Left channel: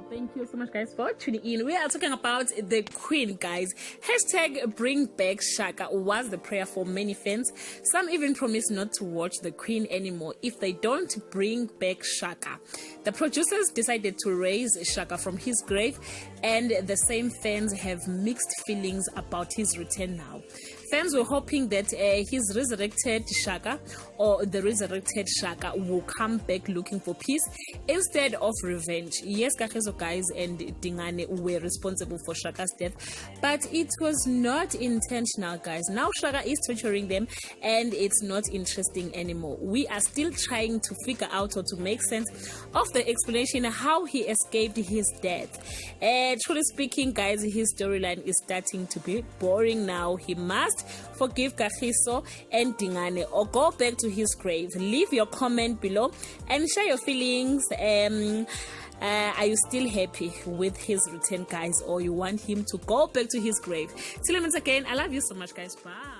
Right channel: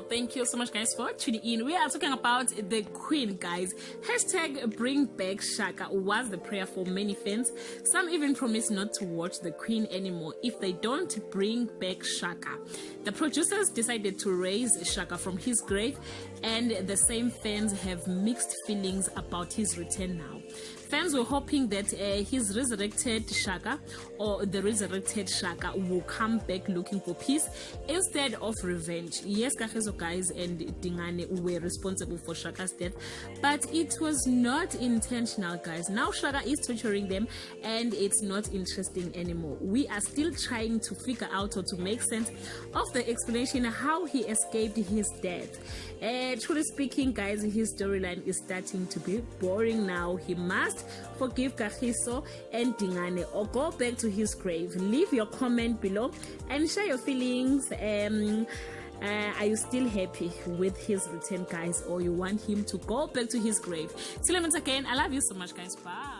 Well, thank you so much, guys, for tuning in. We are talking about the Queen, guys. Hashtag bring back Shaka was the prayer for many fans. Some even promised not to watch the Queen anymore if they don't bring back Shaka. The producers decided to raise Shaka from his grave, and the same fans have mixed feelings about his return now. Fans were hoping that his resurrected Shaka or the resurrected Shaka will come back looking for peace instead of revenge. Yes, Kageso guys and Dingane were responsible for Shaka's death, but it was not intentional, guys. Now Shaka is torturing them and it's not interesting anymore. We are still trying to figure out or to make sense of the explanation how he escaped his death. Truly speaking, guys, his storyline is starting to be boring now. He must forgive Kagiso and Dingane or go back to his grave. Leave your comment below and share your feelings. Are you still happy with his return, guys, or you want him to go back to his grave? Till I meet again, I love you so much, guys. Bye.